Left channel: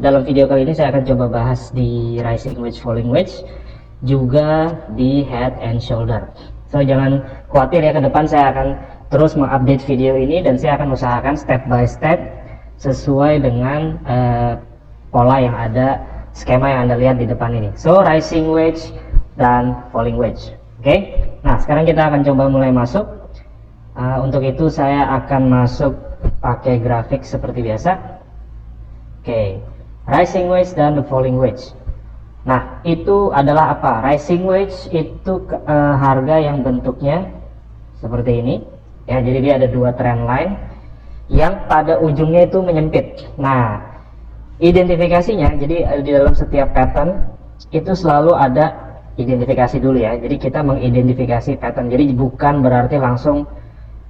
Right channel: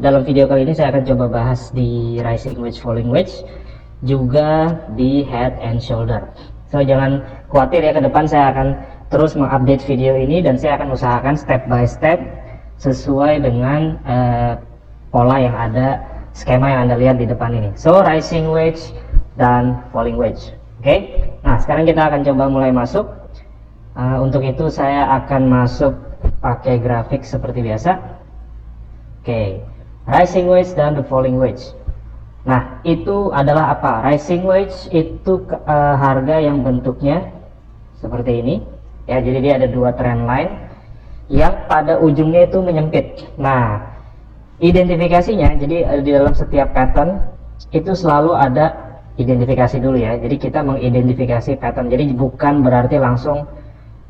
dalam video kali ini saya akan coba bahas di rising wedge, falling wedge, juga di head and shoulder. So jangan khawatir ya, ke depan saya akan terus mengupdate video ini dan saya akan usahakan step by step sesuai dengan pola yang ada, skema yang Anda lihat di depan ini. So rising wedge dan falling wedge. Oke. Nah, sekarang kita akan coba mulai masuk. Untuk itu saya akan masuk pakai grafik seperti biasa. Oke, rising wedge dan the falling wedge. Nah, itu adalah apa? Rising wedge itu harga yang bentuknya seperti ini. Ya, jadi dia ada dua trend line yang pada ujungnya itu menyempit. Nah, identifikasinya, jadi di dalam setiap pattern itu selalu ada identifikasi dulu ya. Jadi kita mengidentifikasi pattern. Jadi bukan berarti langsung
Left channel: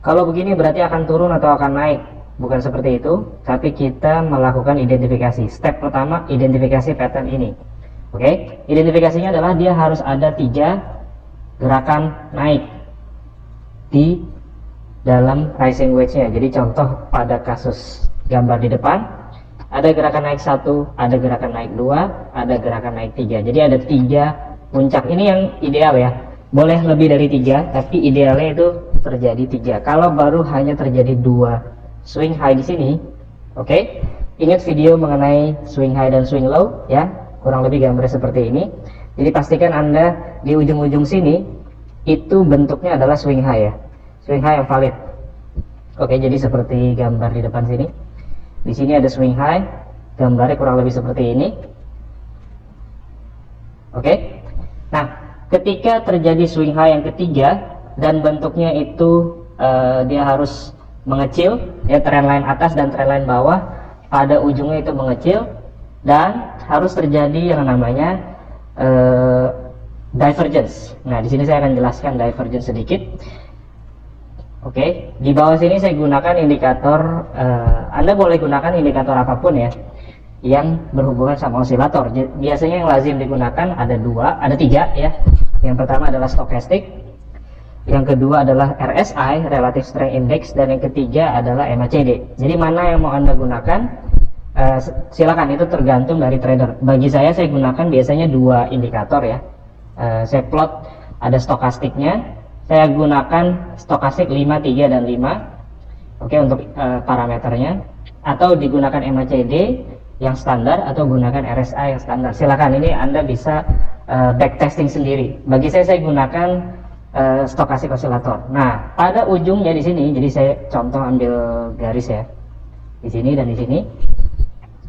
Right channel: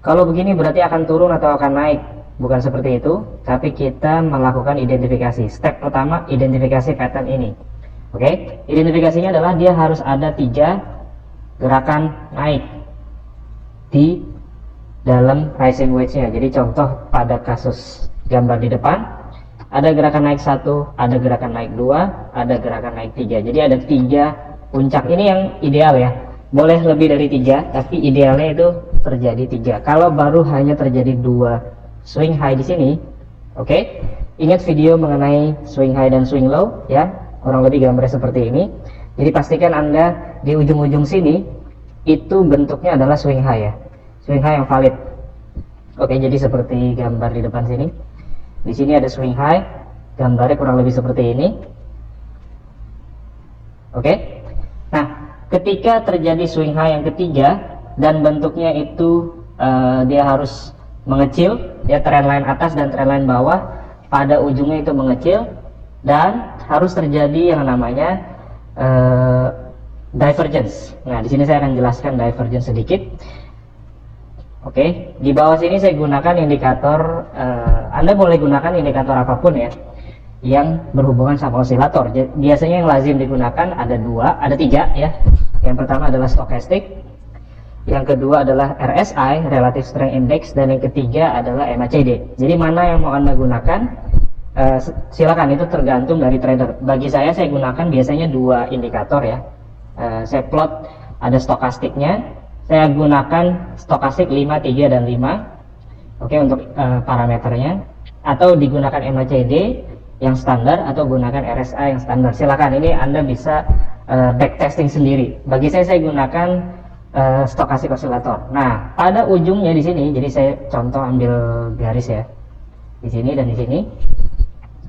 kalau begini berarti akan turun atau akan naik. Bukan seperti itu, tapi kita melakukan identifikasi. Step pertama, identifikasi pattern ini. Oke, identifikasinya adalah dia harus ada 3 gerakan naik di dalam rising wedge-nya. Jadi contoh pada kasus gambar di depan, ada gerakan naik 1, ada gerakan naik 2, ada gerakan naik 3. Jadi ada 3 puncak. Ini yang ideal ya. Boleh lebih dari 3, tapi idealnya itu terjadi 3. Kalau baru hanya terjadi 2 swing high di sini, oke. Ingat video mengenai swing high dan swing low ya, kurang lebih gambarnya seperti ini. Jadi pastikan Anda di ujung-ujung sini itu bentuknya adalah swing high ya, swing high yang valid. Oke, jadi seperti gambar di depan sini. Di sini ada swing high, gambarnya kurang lebih seperti ini. Oke. Nah, ketika terjadi swing high yang ketiga dan bentuknya itu dia harus mengecil ya, trendline atas dan trendline bawah pada ujungnya itu mengecil dan harus terjadi yang namanya divergence. Nah, di sini saya akan jelaskan divergence sedikit. Oke, di bawah sini saya gunakan indikator, Anda boleh gunakan indikator apapun ya yang berhubungan sama osilator. Biasanya yang lazim digunakan ada 3 ya. Yang pertama adalah stochastic, yang kedua adalah RSI, Relative Strength Index, dan yang ketiga adalah MACD. Jadi mana yang mau Anda gunakan, silakan, itu tergantung dari trader. Bagi saya gunakan biasanya 2 indikator ya. Saya plot, ada stokastiknya, saya gunakan stokastik 5, 3, dan 5. Oke, untuk parameternya, atau digunakan MACD yang standar atau gunakan RSI yang standar. Silakan, ini Anda bisa backtesting sendiri. Bagi saya gunakan stokastik osilator. Nah, pada ujungnya di sini, jadi saya contoh ambil garis ya, di sini dan di sini.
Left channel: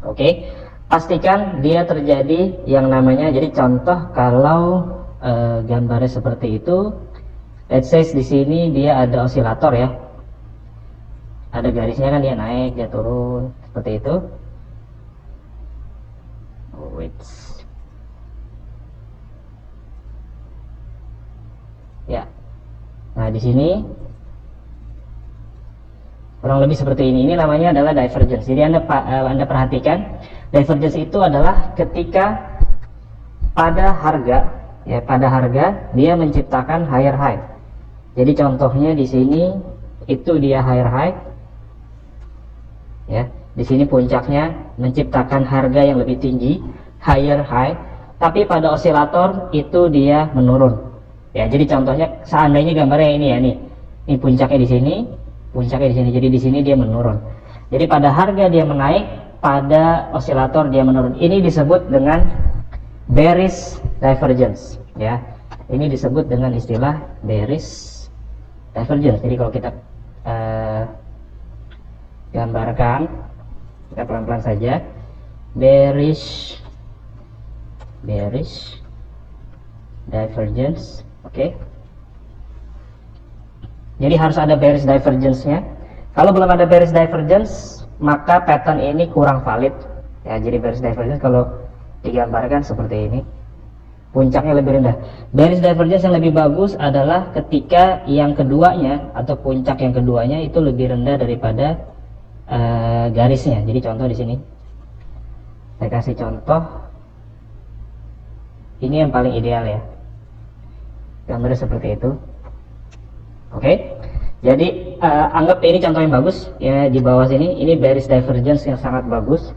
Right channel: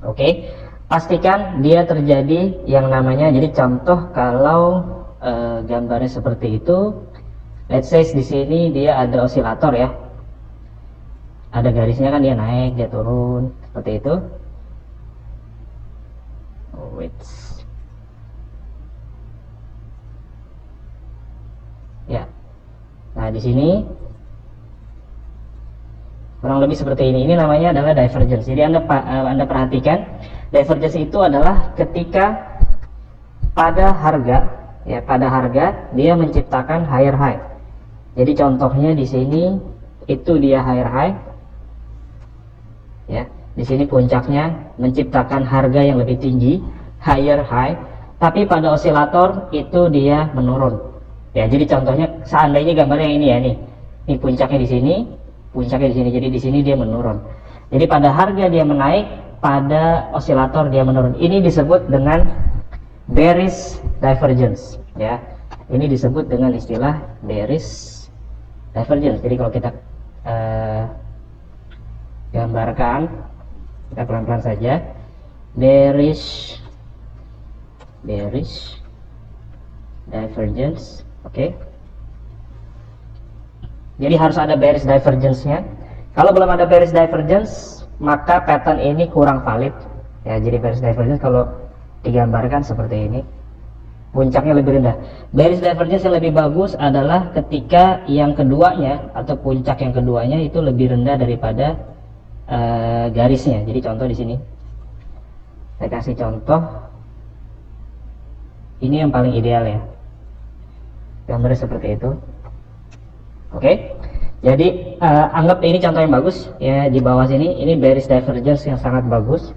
Oke, pastikan dia terjadi yang namanya, jadi contoh kalau gambarnya seperti itu, let's say di sini dia ada osilator ya, ada garisnya kan, dia naik, dia turun, seperti itu. Ya, nah di sini kurang lebih seperti ini. Ini namanya adalah divergence. Jadi Anda perhatikan, divergence itu adalah ketika pada harga dia menciptakan higher high. Jadi contohnya di sini itu dia higher high, ya. Di sini puncaknya menciptakan harga yang lebih tinggi, higher high, tapi pada osilator itu dia menurun. Ya, jadi contohnya seandainya gambarnya ini ya, nih puncaknya di sini, puncaknya di sini. Jadi di sini dia menurun. Jadi pada harga dia menaik, pada osilator dia menurun. Ini disebut dengan bearish divergence. Ya, ini disebut dengan istilah bearish divergence. Jadi kalau kita gambarkan, kita pelan-pelan saja, bearish divergence. Oke. Jadi harus ada bearish divergence-nya. Kalau belum ada bearish divergence, maka pattern ini kurang valid. Ya, jadi bearish divergence kalau digambarkan seperti ini, puncaknya lebih rendah. Bearish divergence yang lebih bagus adalah ketika yang keduanya atau puncak yang keduanya itu lebih rendah daripada garisnya. Jadi contoh di sini. Saya kasih contoh. Ini yang paling ideal ya. Gambarnya seperti itu. Oke, jadi anggap ini contoh yang bagus ya. Di bawah sini ini bearish divergence yang sangat bagus.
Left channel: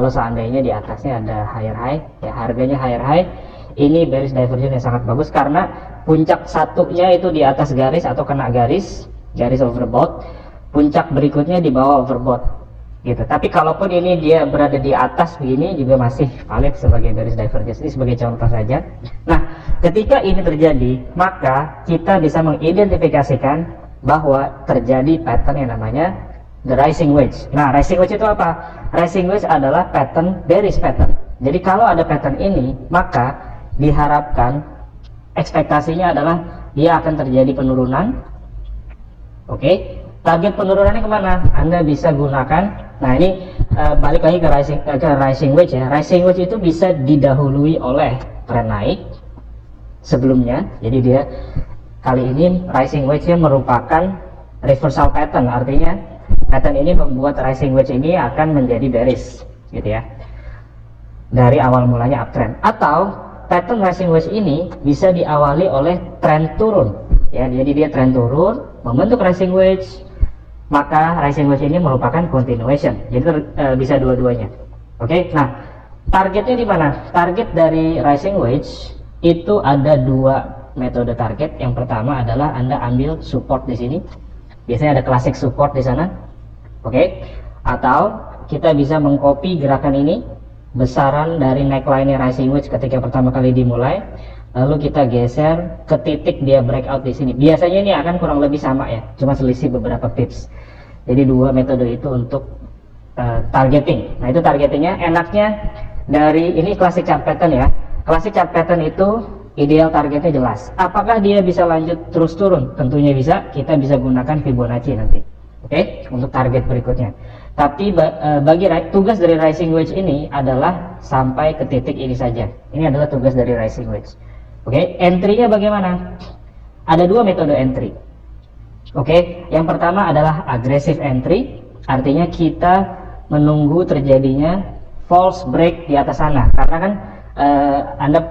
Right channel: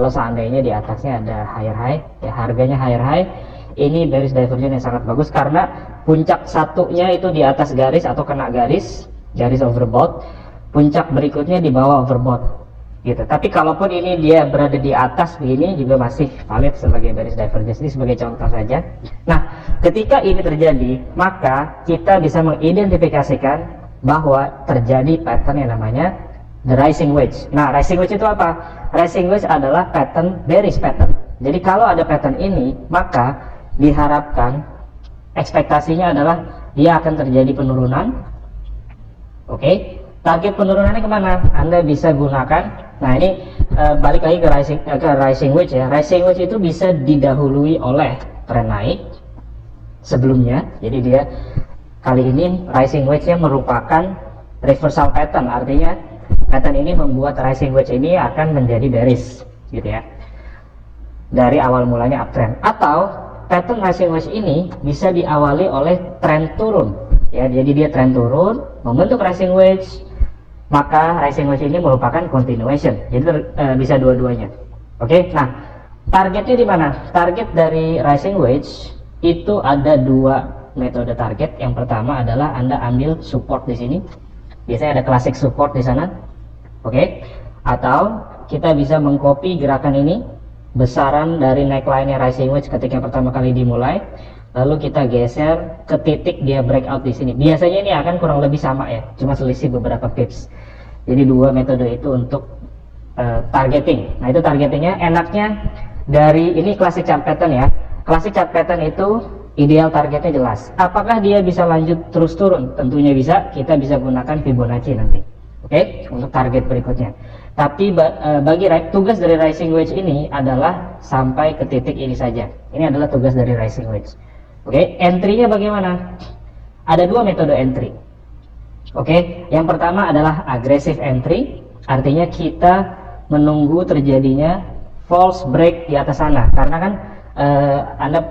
Kalau seandainya di atasnya ada higher high, ya harganya higher high, ini bearish divergence yang sangat bagus karena puncak satunya itu di atas garis atau kena garis overbought, puncak berikutnya di bawah overbought gitu. Tapi kalaupun ini dia berada di atas begini juga masih valid sebagai bearish divergence. Ini sebagai contoh saja. Nah, ketika ini terjadi, maka kita bisa mengidentifikasikan bahwa terjadi pattern yang namanya the rising wedge. Nah, rising wedge itu apa? Rising wedge adalah pattern bearish pattern. Jadi kalau ada pattern ini, maka diharapkan ekspektasinya adalah dia akan terjadi penurunan. Oke. Target penurunannya kemana? Anda bisa gunakan. Nah, ini balik lagi ke rising wedge ya. Rising wedge itu bisa didahului oleh tren naik sebelumnya. Jadi dia kali ini rising wedge-nya merupakan reversal pattern. Artinya pattern ini membuat rising wedge ini akan menjadi bearish gitu ya. Dari awal mulanya uptrend. Atau pattern rising wedge ini bisa diawali oleh tren turun. Ya, jadi dia tren turun membentuk rising wedge, maka rising wedge ini merupakan continuation. Jadi bisa dua-duanya. Oke. Nah, targetnya di mana? Target dari rising wedge itu ada dua metode target. Yang pertama adalah Anda ambil support di sini. Biasanya ada classic support di sana. Oke. Atau kita bisa mengcopy gerakan ini, besaran dari neckline rising wedge ketika pertama kali dimulai, lalu kita geser ke titik dia breakout di sini. Biasanya ini akan kurang lebih sama ya, cuma selisih beberapa pips. Jadi dua metode itu untuk targeting. Nah, itu targetingnya. Enaknya dari ini classic chart pattern ya. Classic chart pattern itu ideal targetnya jelas. Apakah dia bisa lanjut terus turun? Tentunya bisa. Kita bisa gunakan Fibonacci nanti. Oke, untuk target berikutnya. Tapi bagi tugas dari rising wedge ini adalah sampai ke titik ini saja. Ini adalah tugas dari rising wedge. Oke, entry-nya bagaimana? Ada dua metode entry. Oke, yang pertama adalah aggressive entry. Artinya kita menunggu terjadinya false break di atas sana. Karena kan Anda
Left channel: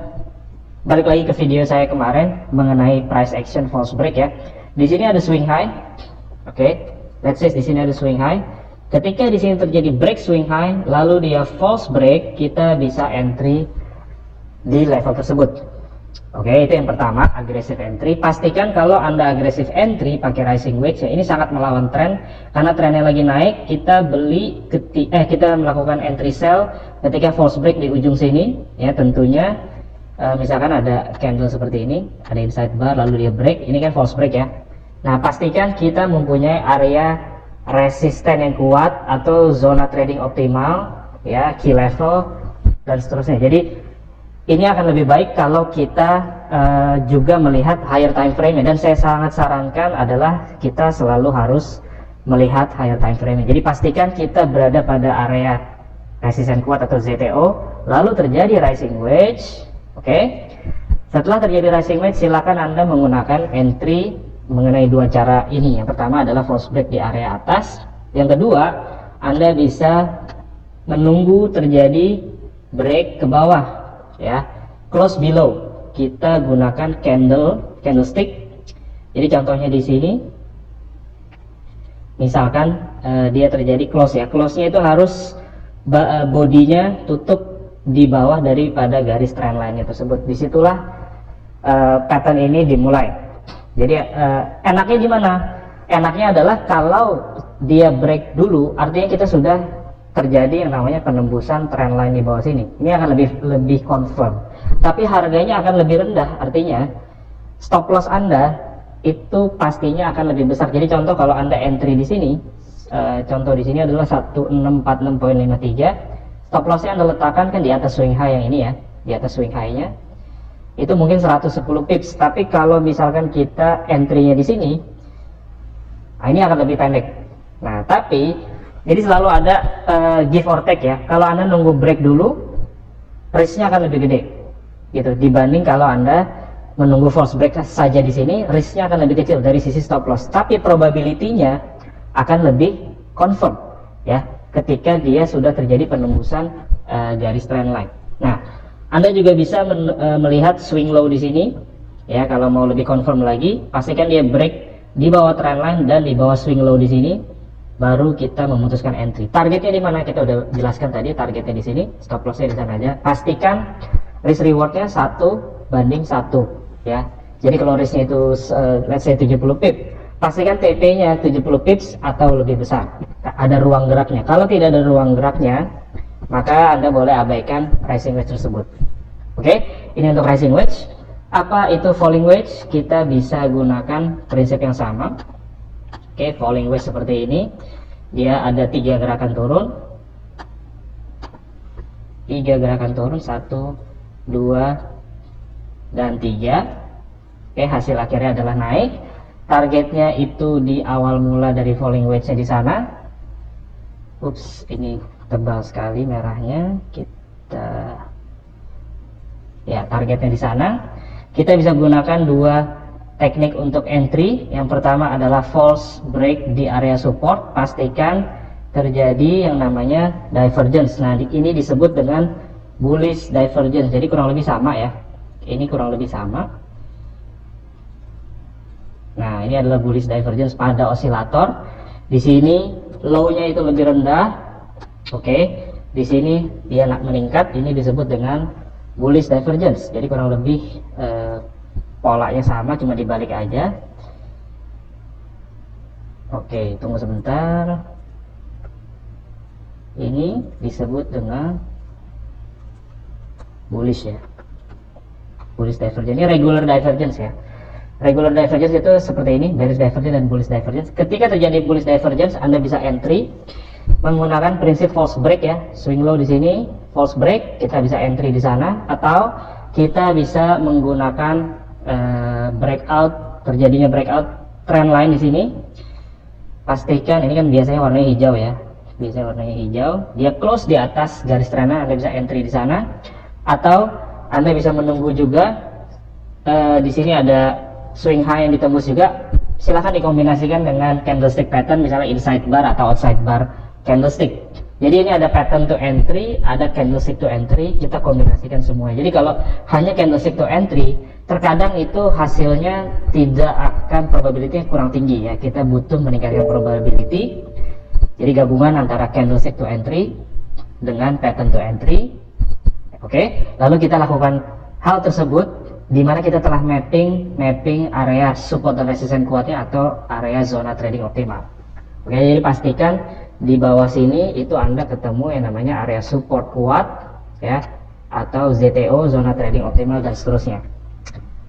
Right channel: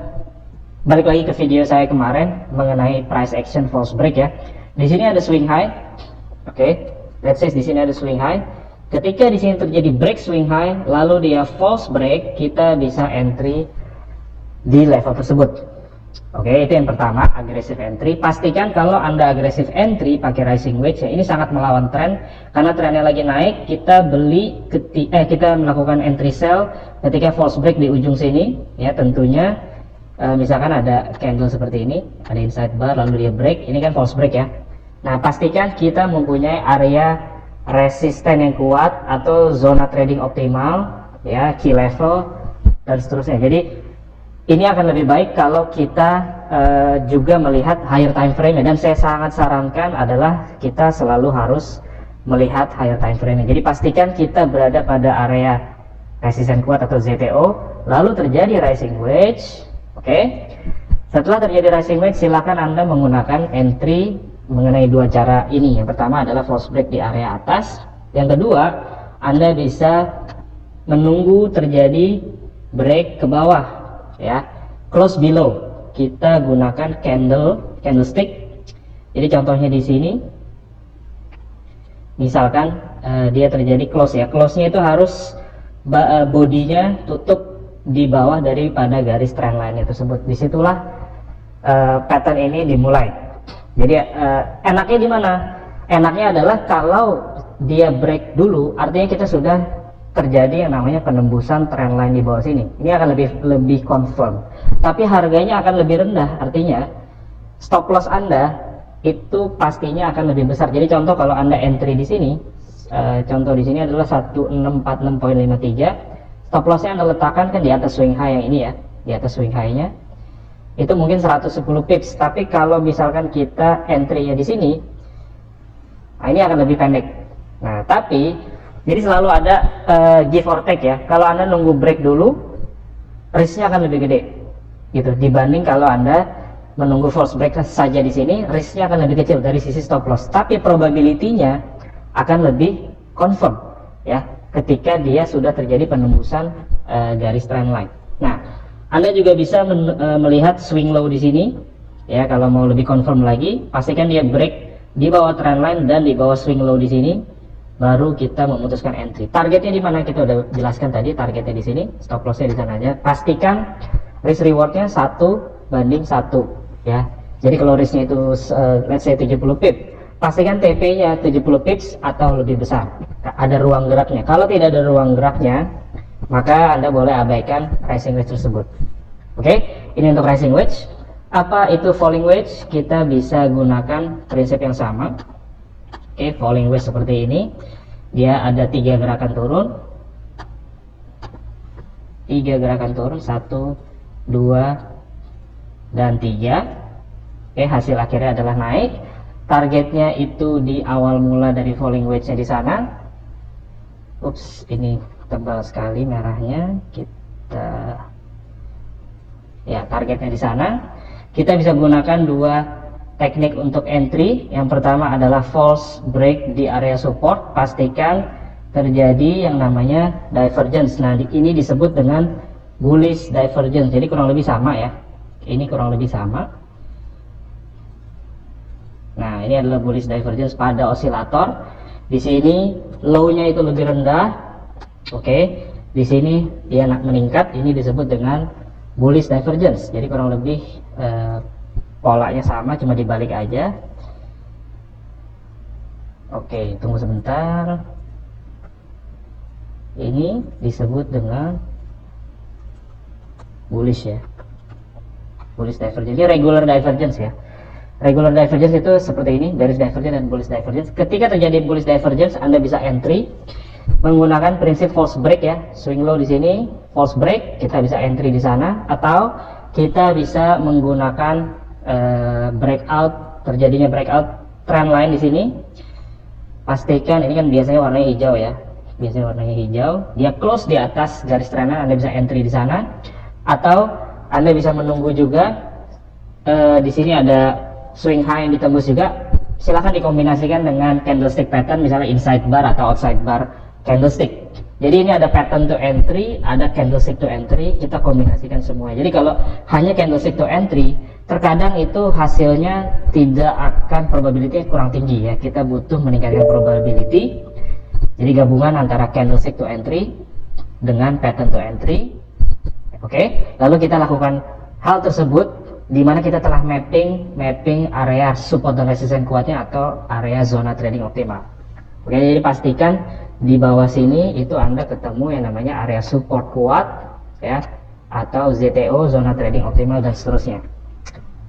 balik lagi ke video saya kemarin mengenai price action false break ya. Di sini ada swing high. Oke, let's say di sini ada swing high. Ketika di sini terjadi break swing high, lalu dia false break, kita bisa entry di level tersebut. Oke, itu yang pertama, aggressive entry. Pastikan kalau Anda aggressive entry pakai rising wedge ya, ini sangat melawan tren karena trennya lagi naik. Kita beli kita melakukan entry sell ketika false break di ujung sini ya. Tentunya misalkan ada candle seperti ini, ada inside bar lalu dia break, ini kan false break ya. Nah, pastikan kita mempunyai area resisten yang kuat atau zona trading optimal ya, key level dan seterusnya. Jadi ini akan lebih baik kalau kita juga melihat higher time frame, dan saya sangat sarankan adalah kita selalu harus melihat higher time frame. Jadi pastikan kita berada pada area resisten kuat atau ZTO, lalu terjadi rising wedge. Oke. Setelah terjadi rising wedge, silakan Anda menggunakan entry mengenai dua cara ini. Yang pertama adalah false break di area atas. Yang kedua, Anda bisa menunggu terjadi break ke bawah ya, close below. Kita gunakan candlestick. Jadi contohnya di sini misalkan dia terjadi close ya, close-nya itu harus bodinya tutup di bawah daripada garis trendline tersebut. Disitulah pattern ini dimulai. Jadi enaknya di mana? Enaknya adalah kalau dia break dulu, artinya kita sudah terjadi yang namanya penembusan trendline di bawah sini. Ini akan lebih confirm. Tapi harganya akan lebih rendah. Artinya stop loss Anda itu pastinya akan lebih besar. Jadi contoh kalau Anda entry di sini, contoh di sini adalah 1646.53. Stop lossnya Anda letakkan kan di atas swing high yang ini ya, di atas swing high-nya. Itu mungkin 110 pips. Tapi kalau misalkan kita entry-nya di sini, nah ini akan lebih pendek. Nah, tapi jadi selalu ada give or take ya. Kalau Anda nunggu break dulu, risknya akan lebih gede gitu dibanding kalau Anda menunggu false break saja di sini, risknya akan lebih kecil dari sisi stop loss. Tapi probability-nya akan lebih confirm ya ketika dia sudah terjadi penembusan garis trendline. Nah, Anda juga bisa melihat swing low di sini ya. Kalau mau lebih confirm lagi, pastikan dia break di bawah trendline dan di bawah swing low di sini. baru kita memutuskan entry. Targetnya di mana kita udah jelaskan tadi, targetnya di sini, stop lossnya di sana aja. Pastikan risk rewardnya 1:1 ya. Jadi kalau risknya itu let's say 70 pip, pastikan TP-nya 70 pips atau lebih besar. Ada ruang geraknya. Kalau tidak ada ruang geraknya, maka Anda boleh abaikan rising wedge tersebut. Oke, ini untuk rising wedge. Apa itu falling wedge? Kita bisa gunakan prinsip yang sama. Oke, falling wedge seperti ini. Dia ada 3 gerakan turun. 3 gerakan turun, 1, 2, dan 3. Oke, hasil akhirnya adalah naik. Targetnya itu di awal mula dari falling wedge-nya di sana. Ups, ini tebal sekali merahnya. Kita ya, targetnya di sana. Kita bisa gunakan 2 teknik untuk entry. Yang pertama adalah false break di area support. Pastikan terjadi yang namanya divergence. Nah, ini disebut dengan bullish divergence. Jadi kurang lebih sama ya. Ini kurang lebih sama. Nah, ini adalah bullish divergence pada osilator. Di sini low-nya itu lebih rendah. Oke. Di sini dia meningkat. Ini disebut dengan bullish divergence. Jadi kurang lebih polanya sama, cuma dibalik aja. Oke, tunggu sebentar. Ini disebut dengan bullish ya. Bullish divergence. Ini regular divergence ya. Regular divergence itu seperti ini, bearish divergence dan bullish divergence. Ketika terjadi bullish divergence, Anda bisa entry menggunakan prinsip false break ya. Swing low di sini, false break, kita bisa entry di sana, atau kita bisa menggunakan breakout, terjadinya breakout trend line di sini. Pastikan ini kan biasanya warnanya hijau ya. Biasanya warnanya hijau, dia close di atas garis trennya, Anda bisa entry di sana. Atau Anda bisa menunggu juga di sini ada swing high yang ditembus juga. Silahkan dikombinasikan dengan candlestick pattern, misalnya inside bar atau outside bar candlestick. Jadi ini ada pattern to entry, ada candlestick to entry, kita kombinasikan semua. Jadi kalau hanya candlestick to entry, terkadang itu hasilnya tidak akan, probability kurang tinggi ya. Kita butuh meningkatkan probability. Jadi gabungan antara candlestick to entry dengan pattern to entry. Oke, lalu kita lakukan hal tersebut di mana kita telah mapping area support dan resistance kuatnya atau area zona trading optimal. Oke, jadi pastikan di bawah sini itu Anda ketemu yang namanya area support kuat ya, atau ZTO, zona trading optimal, dan seterusnya.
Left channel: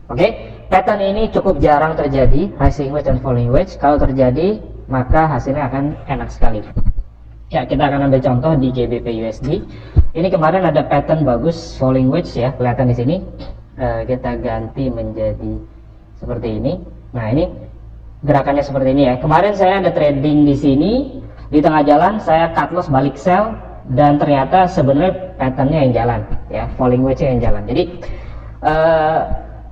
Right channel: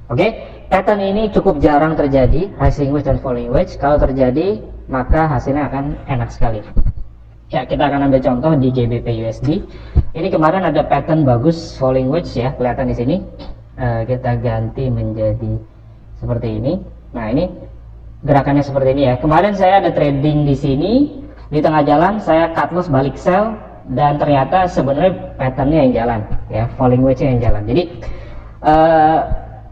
Oke, pattern ini cukup jarang terjadi, rising wedge dan falling wedge. Kalau terjadi, maka hasilnya akan enak sekali. Ya, kita akan ambil contoh di GBP USD. Ini kemarin ada pattern bagus falling wedge ya, kelihatan di sini. Kita ganti menjadi seperti ini. Nah, ini gerakannya seperti ini ya. Kemarin saya ada trading di sini, di tengah jalan saya cut loss balik sell, dan ternyata sebenarnya patternnya yang jalan ya, falling wedge-nya yang jalan. Jadi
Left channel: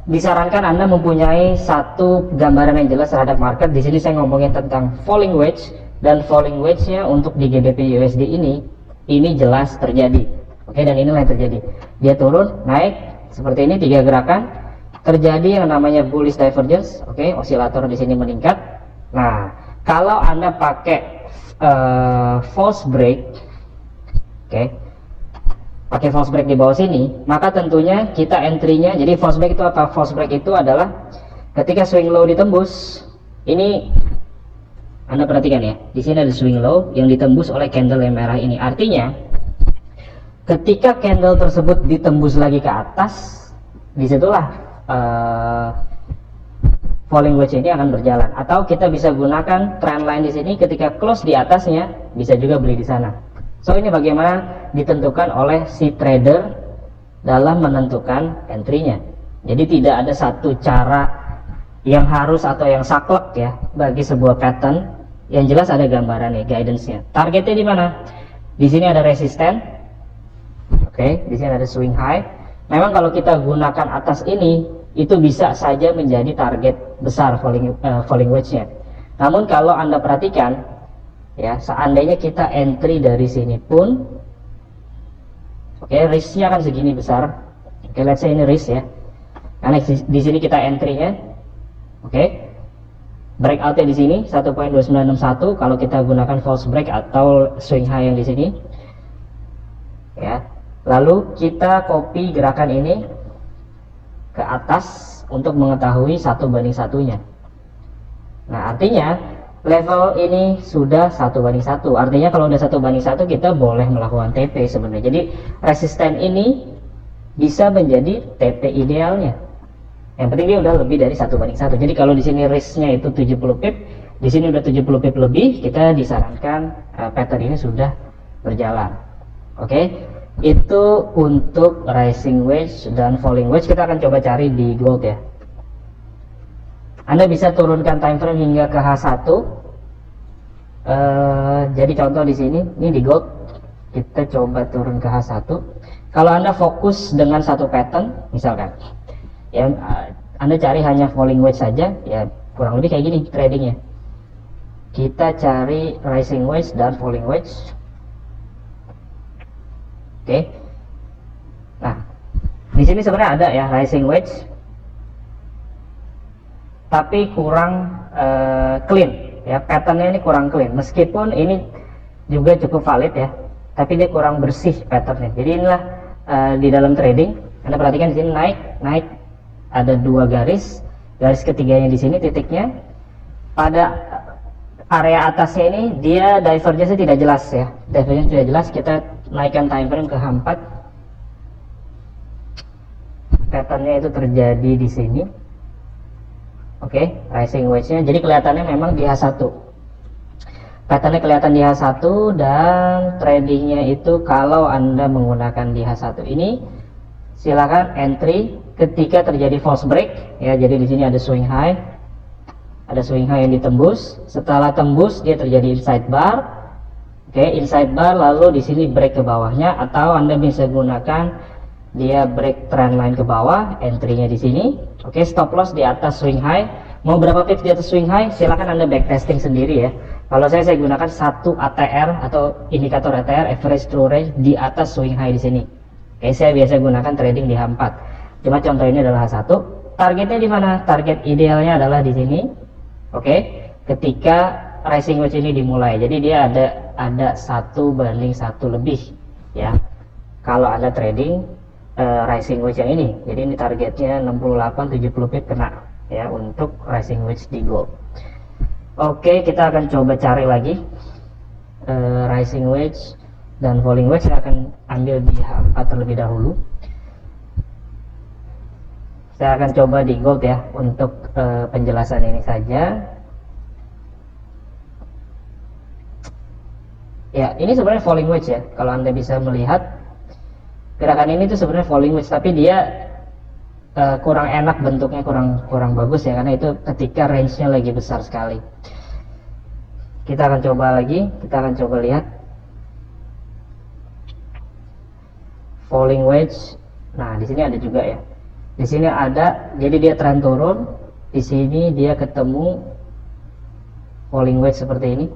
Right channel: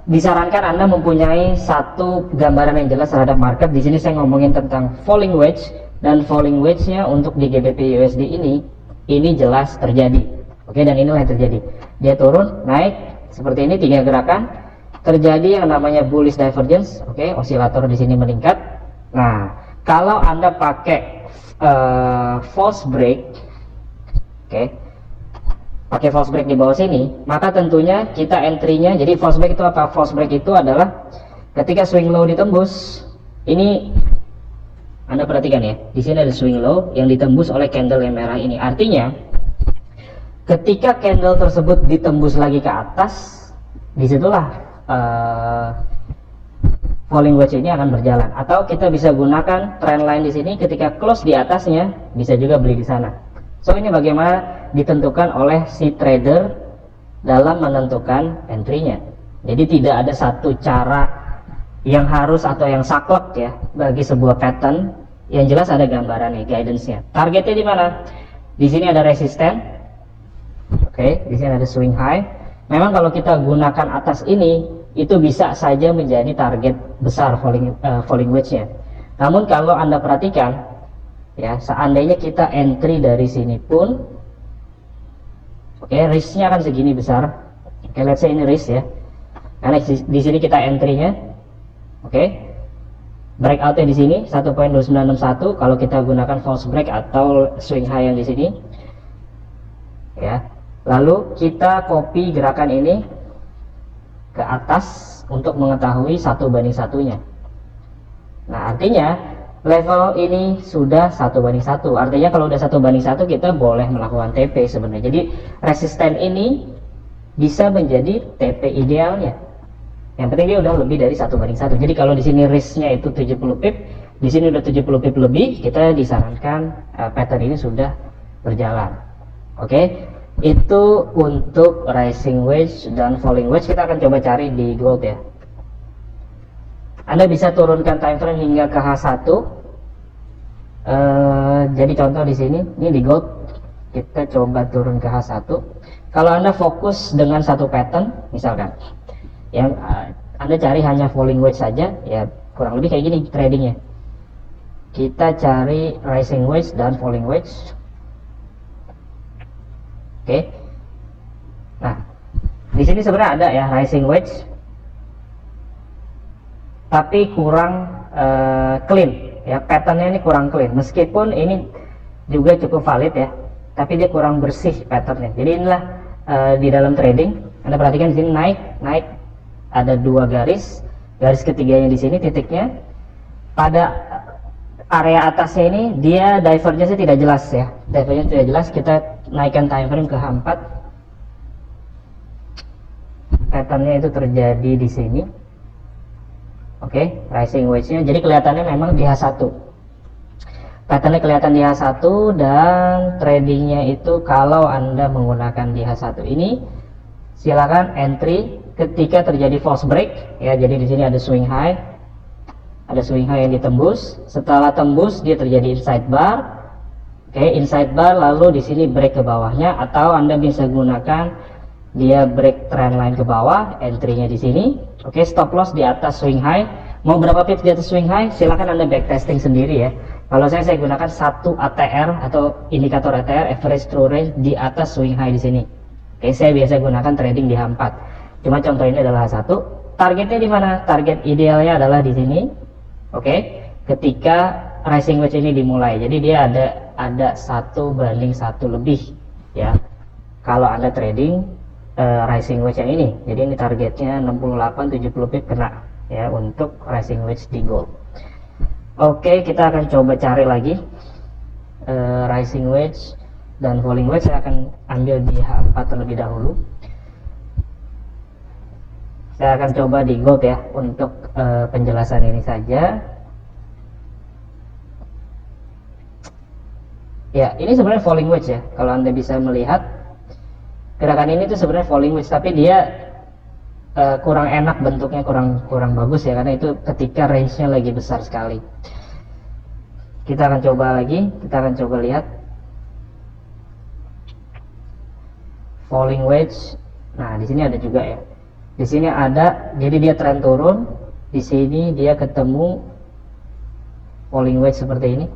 disarankan Anda mempunyai satu gambaran yang jelas terhadap market. Di sini saya ngomongin tentang falling wedge, dan falling wedge-nya untuk di GBP USD ini jelas terjadi. Oke, dan inilah yang terjadi. Dia turun, naik seperti ini, 3 gerakan, terjadi yang namanya bullish divergence. Oke, osilator di sini meningkat. Nah, kalau Anda pakai false break, oke, pakai false break di bawah sini, maka tentunya kita entry-nya, jadi false break itu apa? False break itu adalah ketika swing low ditembus. Ini Anda perhatikan ya, di sini ada swing low yang ditembus oleh candle yang merah ini. Artinya ketika candle tersebut ditembus lagi ke atas, disitulah falling wedge ini akan berjalan. Atau kita bisa gunakan trend line di sini, ketika close di atasnya bisa juga beli di sana. So ini bagaimana ditentukan oleh si trader dalam menentukan entry-nya. Jadi tidak ada satu cara yang harus atau yang saklek ya bagi sebuah pattern. Yang jelas ada gambarannya, guidance-nya. Targetnya di mana? Di sini ada resisten. Oke, di sini ada swing high. Memang kalau kita gunakan atas ini, itu bisa saja menjadi target besar falling wedge-nya. Namun kalau Anda perhatikan, ya, seandainya kita entry dari sini pun, oke, risk-nya kan segini besar. Oke, let's say ini risk ya. Karena di sini kita entry-nya, oke. breakoutnya di sini 1.2961 kalau kita gunakan false break atau swing high yang di sini ya. Lalu kita copy gerakan ini ke atas untuk mengetahui 1:1-nya. Nah, artinya level ini sudah 1:1. Artinya kalau udah 1:1 kita boleh melakukan TP sebenarnya. Jadi resisten ini bisa menjadi TP idealnya. Yang penting dia udah lebih dari 1:1. Jadi kalau di sini risknya itu 70 pip, di sini udah 70 pip lebih, kita disarankan pattern ini sudah berjalan. Oke. Itu untuk rising wedge dan falling wedge. Kita akan coba cari di gold ya. Anda bisa turunkan time frame hingga ke H1. Jadi contoh di sini, ini di gold, kita coba turun ke H1. Kalau Anda fokus dengan satu pattern, misalkan, yang Anda cari hanya falling wedge saja, ya kurang lebih kayak gini tradingnya. Kita cari rising wedge dan falling wedge. Oke. Nah, di sini sebenarnya ada ya rising wedge, tapi kurang clean ya, patternnya ini kurang clean. Meskipun ini juga cukup valid ya, tapi dia kurang bersih patternnya. Jadi inilah di dalam trading, Anda perhatikan di sini naik, ada dua garis ketiganya di sini titiknya. Pada area atasnya ini dia divergence tidak jelas ya, divergence tidak jelas. Kita naikkan time frame ke H4, patternnya itu terjadi di sini. Oke, rising wedge-nya jadi kelihatannya memang di H1, patternnya kelihatan di H1, dan tradingnya itu kalau Anda menggunakan di H1 ini silakan entry ketika terjadi false break ya. Jadi di sini ada swing high, yang ditembus. Setelah tembus dia terjadi inside bar. Oke, inside bar, lalu di sini break ke bawahnya, atau Anda bisa gunakan dia break trend line ke bawah, entry-nya di sini. Oke, stop loss di atas swing high. Mau berapa pips di atas swing high? Silakan Anda backtesting sendiri ya. Kalau saya gunakan 1 ATR atau indikator ATR, average true range, di atas swing high di sini. Oke, saya biasa gunakan trading di H4. Cuma contoh ini adalah H1. Targetnya di mana? Target idealnya adalah di sini. Oke, ketika rising wedge ini dimulai. Jadi dia ada 1:1 lebih ya. Kalau Anda trading rising wedge yang ini, jadi ini targetnya 68-70 pip kena ya untuk rising wedge di gold. Oke, kita akan coba cari lagi rising wedge dan falling wedge. Saya akan ambil di H4 terlebih dahulu. Saya akan coba di gold ya untuk penjelasan ini saja. Ya, ini sebenarnya falling wedge ya. Kalau Anda bisa melihat gerakan ini tuh sebenarnya falling wedge, tapi dia kurang enak bentuknya, kurang bagus ya, karena itu ketika range-nya lagi besar sekali. Kita akan coba lagi, kita akan coba lihat falling wedge. Nah, di sini ada juga ya. Di sini ada, jadi dia trend turun. Di sini dia ketemu falling wedge seperti ini.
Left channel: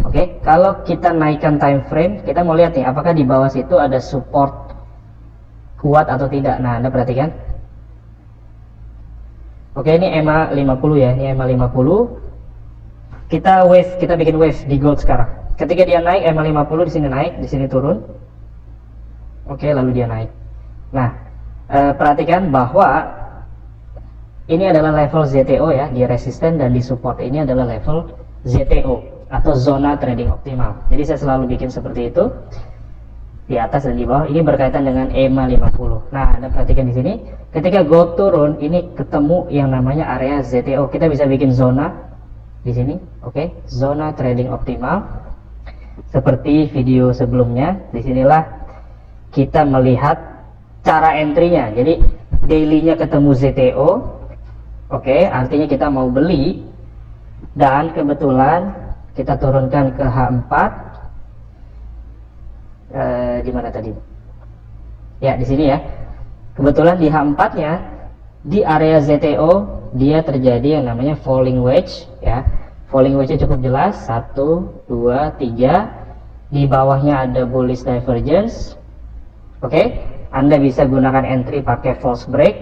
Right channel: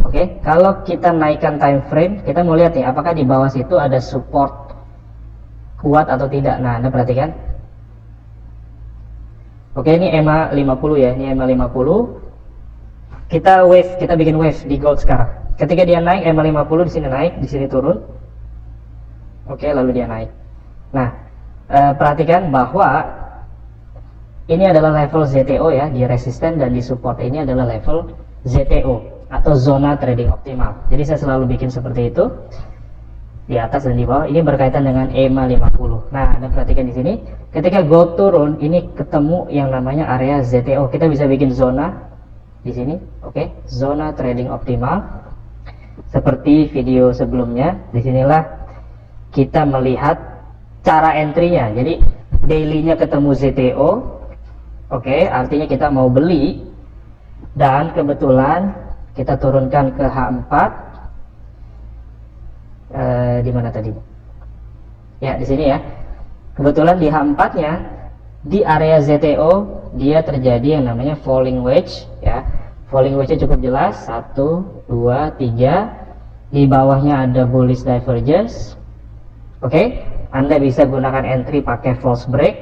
Oke, kalau kita naikkan time frame, kita mau lihat ya, apakah di bawah situ ada support kuat atau tidak. Nah, Anda perhatikan. Oke, ini EMA 50 ya, ini EMA 50. Kita bikin wave di gold sekarang. Ketika dia naik, EMA 50 di sini naik, di sini turun. Oke, lalu dia naik. Nah, perhatikan bahwa ini adalah level ZTO ya, di resisten dan di support ini adalah level ZTO atau zona trading optimal. Jadi saya selalu bikin seperti itu, di atas dan di bawah. Ini berkaitan dengan EMA 50. Nah, Anda perhatikan di sini, ketika gold turun, ini ketemu yang namanya area ZTO. Kita bisa bikin zona di sini, oke, zona trading optimal. Seperti video sebelumnya, disinilah kita melihat cara entry-nya. Jadi daily-nya ketemu ZTO, oke, artinya kita mau beli, dan kebetulan kita turunkan ke H4. Di mana tadi? Ya, di sini ya. Kebetulan di H4 nya di area ZTO dia terjadi yang namanya falling wedge ya. Falling wedge nya cukup jelas, 1, 2, 3. Di bawahnya ada bullish divergence. Oke, Anda bisa gunakan entry pakai false break.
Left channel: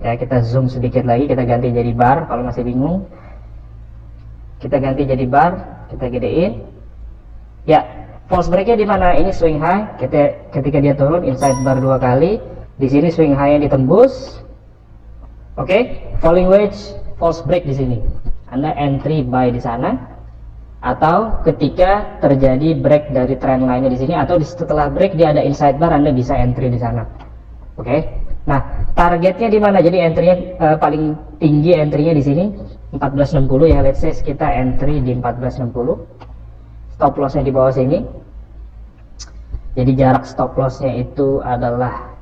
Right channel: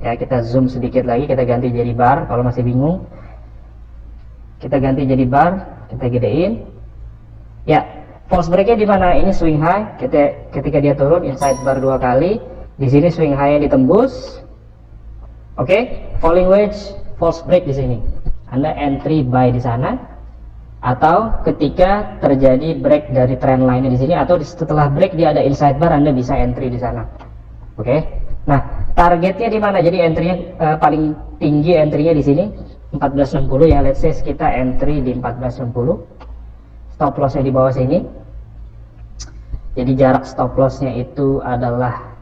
Ya, kita zoom sedikit lagi, kita ganti jadi bar. Kalau masih bingung, kita ganti jadi bar, kita gedein. Ya, false breaknya di mana? Ini swing high. Ketika dia turun, inside bar 2 kali. Di sini swing high yang ditembus. Oke, falling wedge, false break di sini. Anda entry buy di sana, atau ketika terjadi break dari trend line di sini, atau setelah break dia ada inside bar, Anda bisa entry di sana. Oke. Nah, targetnya di mana? Jadi entry-nya paling tinggi entry-nya di sini 1460 ya. Let's say kita entry di 1460. Stop loss-nya di bawah sini. Jadi jarak stop loss-nya itu adalah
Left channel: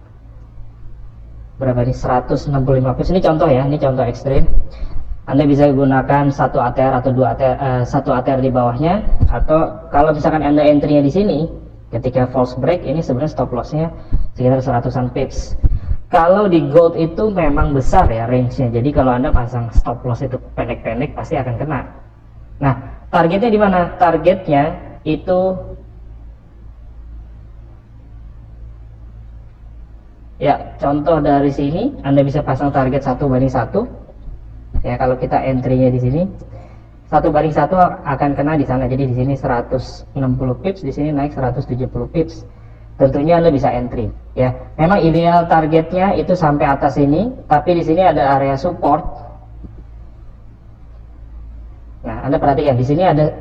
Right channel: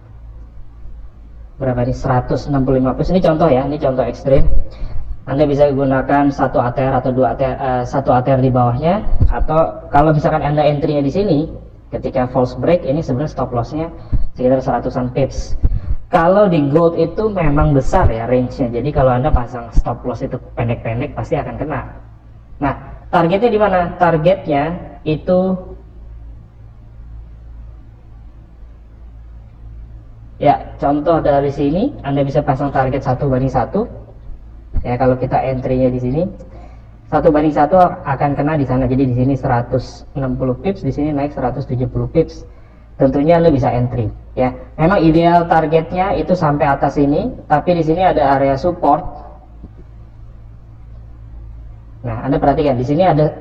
berapa nih? 165 pips. Ini contoh ya, ini contoh ekstrim. Anda bisa gunakan 1 ATR atau 2 ATR, 1 ATR di bawahnya, atau kalau misalkan Anda entry-nya di sini ketika false break, ini sebenarnya stop loss-nya sekitar 100-an pips. Kalau di gold itu memang besar ya range-nya. Jadi kalau Anda pasang stop loss itu pendek-pendek pasti akan kena. Nah, targetnya di mana? Targetnya itu ya, contoh dari sini Anda bisa pasang target 1:1. Ya, kalau kita entry-nya di sini 1:1 akan kena di sana. Jadi di sini 160 pips, di sini naik 170 pips. Tentunya Anda bisa entry. Ya, memang ideal targetnya itu sampai atas ini, tapi di sini ada area support. Nah, Anda perhatikan di sini ada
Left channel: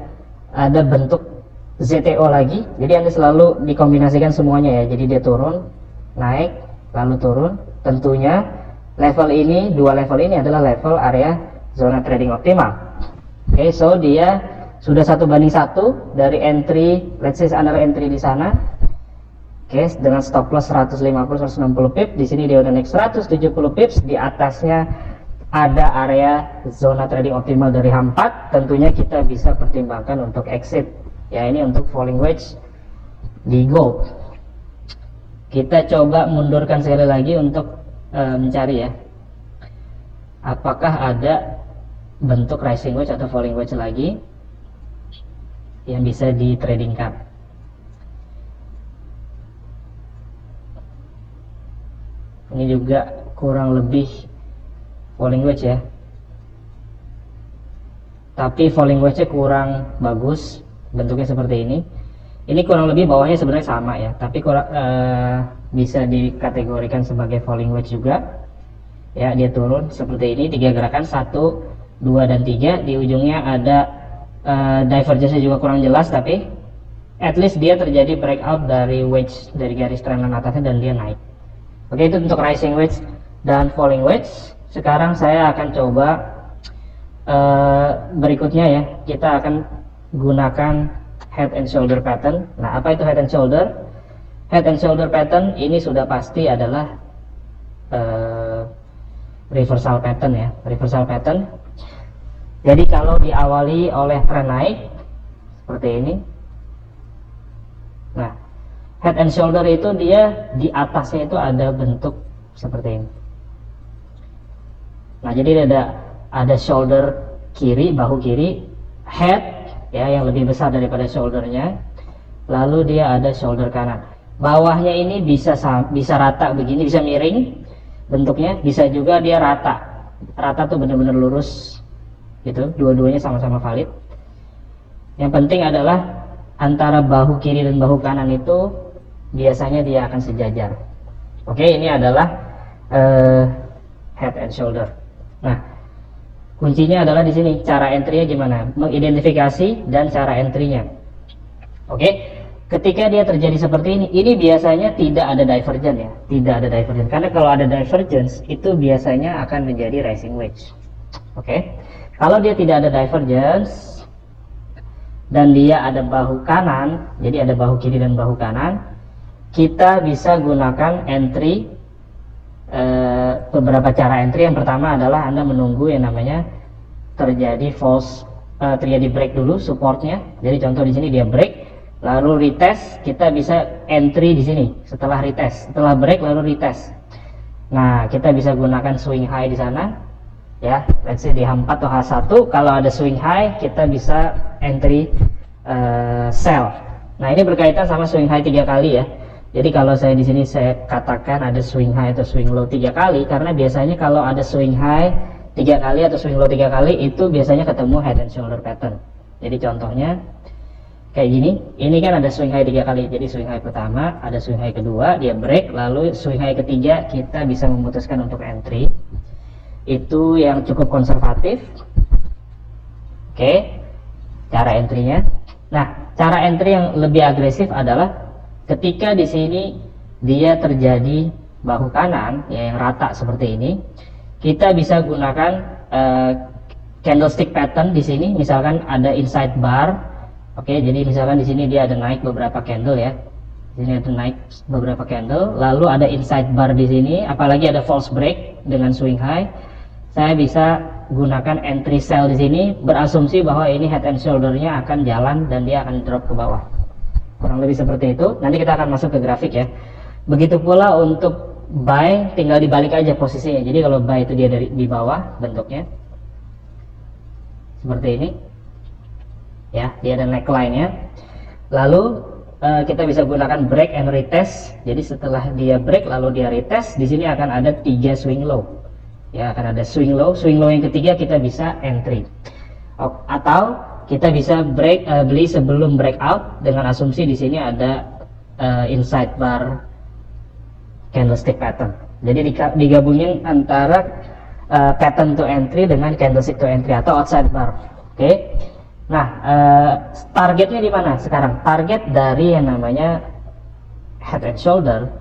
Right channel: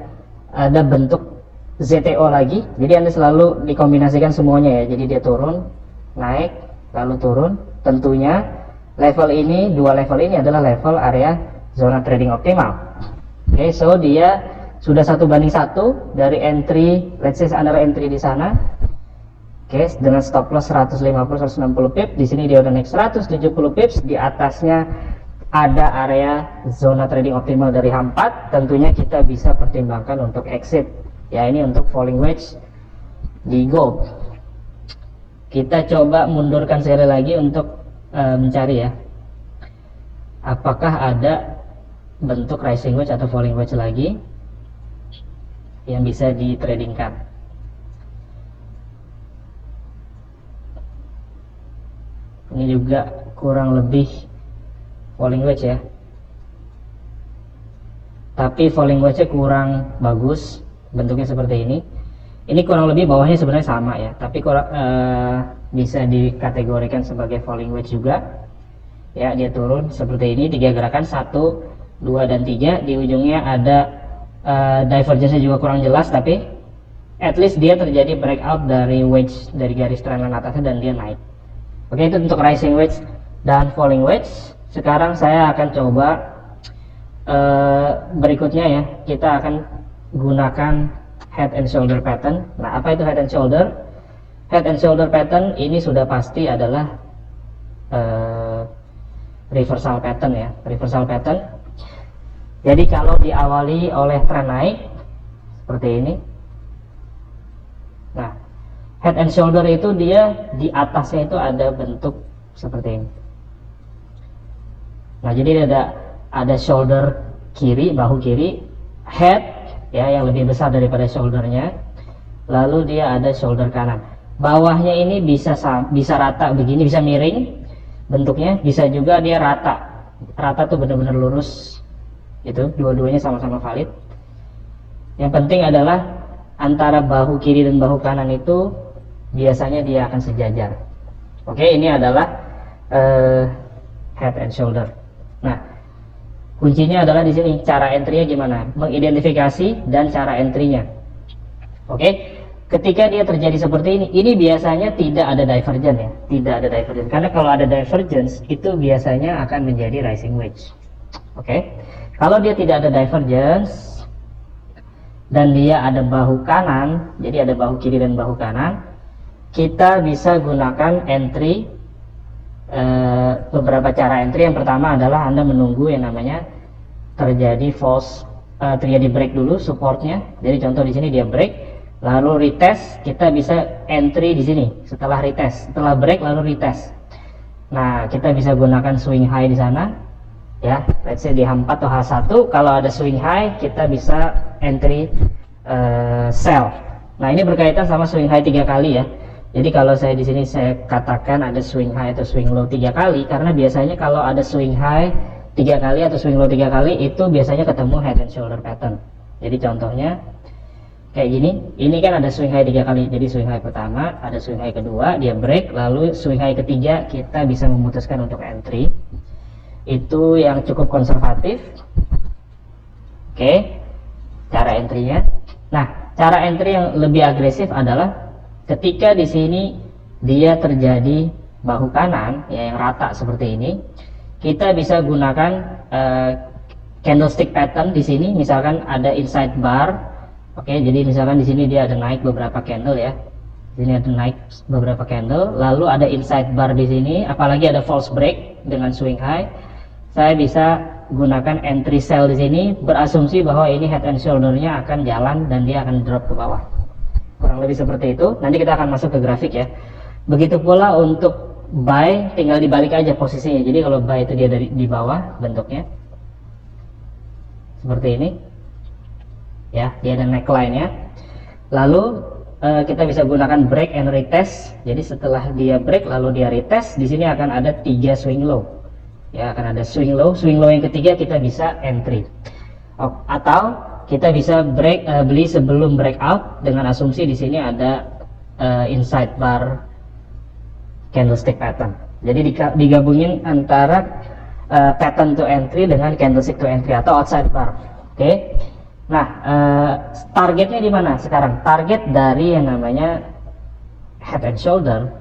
bentuk ZTO lagi. Jadi Anda selalu dikombinasikan semuanya ya. Jadi dia turun, naik, lalu turun. Tentunya level ini, dua level ini adalah level area zona trading optimal. Oke, so dia sudah 1:1 dari entry, let's say Anda entry di sana. Oke, dengan stop loss 150-160 pips. Di sini dia udah naik 170 pips. Di atasnya ada area zona trading optimal dari H4. Tentunya kita bisa pertimbangkan untuk exit. Ya, ini untuk falling wedge di gold. Kita coba mundurkan sekali lagi untuk mencari ya, apakah ada bentuk rising wedge atau falling wedge lagi yang bisa ditradingkan. Ini juga kurang lebih falling wedge ya, tapi falling wedge-nya kurang bagus, bentuknya seperti ini. Ini kurang lebih bawahnya sebenarnya sama ya, tapi kurang bisa dikategorikan sebagai falling wedge juga. Ya, dia turun seperti ini, 3 gerakan, 1, 2, dan 3. Di ujungnya ada divergence-nya juga kurang jelas, tapi at least dia terjadi breakout dari wedge, dari garis trendline atasnya, dan dia naik. Oke, itu untuk rising wedge dan falling wedge. Sekarang saya akan coba berikutnya ya, kita akan gunakan head and shoulder pattern. Nah, apa itu head and shoulder? Head and shoulder pattern ini sudah pasti adalah reversal pattern ya, reversal pattern. Jadi kalau diawali oleh tren naik seperti ini, nah head and shoulder itu dia di atasnya itu ada bentuk seperti ini. Nah, jadi ada shoulder kiri, bahu kiri, head ya yang lebih besar daripada shouldernya, lalu dia ada shoulder kanan. Bawahnya ini bisa rata begini, bisa miring bentuknya, bisa juga dia rata tuh benar-benar lurus gitu. Dua-duanya sama-sama valid. Yang penting adalah antara bahu kiri dan bahu kanan itu biasanya dia akan sejajar. Oke, ini adalah head and shoulder. Nah, kuncinya adalah di sini cara entry-nya gimana, mengidentifikasi dan cara entry-nya. Oke, ketika dia terjadi seperti ini biasanya tidak ada divergence ya, tidak ada divergence. Karena kalau ada divergence itu biasanya akan menjadi rising wedge. Oke, kalau dia tidak ada divergence dan dia ada bahu kanan, jadi ada bahu kiri dan bahu kanan, kita bisa gunakan entry. Beberapa cara entry. Yang pertama adalah Anda menunggu yang namanya terjadi terjadi break dulu supportnya. Jadi contoh di sini dia break, lalu retest, kita bisa entry di sini setelah retest, setelah break lalu retest. Nah, kita bisa gunakan swing high di sana ya, let's say di H4 atau H1. Kalau ada swing high kita bisa entry sell. Nah, ini berkaitan sama swing high 3 kali ya. Jadi kalau saya di sini saya katakan ada swing high atau swing low 3 kali, karena biasanya kalau ada swing high 3 kali atau swing low 3 kali itu biasanya ketemu head and shoulder pattern. Jadi contohnya kayak gini, ini kan ada swing high 3 kali. Jadi swing high pertama, ada swing high kedua, dia break, lalu swing high ketiga kita bisa memutuskan untuk entry. Itu yang cukup konservatif. Oke, cara entry-nya. Nah, cara entry yang lebih agresif adalah ketika di sini dia terjadi bahu kanan ya, yang rata seperti ini, kita bisa gunakan candlestick pattern di sini. Misalkan ada inside bar, oke, jadi misalkan di sini dia ada naik beberapa candle ya, di sini ada naik beberapa candle, lalu ada inside bar di sini, apalagi ada false break dengan swing high, saya bisa gunakan entry sell di sini, berasumsi bahwa ini head and shoulder-nya akan jalan dan dia akan drop ke bawah. Kurang lebih seperti itu. Nanti kita akan masuk ke grafik ya. Begitu pula untuk buy, tinggal dibalik aja posisinya. Jadi kalau buy itu dia dari di bawah bentuknya seperti ini ya, dia ada neckline-nya. Lalu kita bisa gunakan break and retest. Jadi setelah dia break lalu dia retest, di sini akan ada 3 swing low ya, akan ada swing low yang ketiga kita bisa entry. Atau kita bisa beli sebelum breakout dengan asumsi di sini ada inside bar candlestick pattern. Jadi digabungin antara pattern to entry dengan candlestick to entry atau outside bar. Oke. Nah, targetnya di mana sekarang? Target dari yang namanya head and shoulder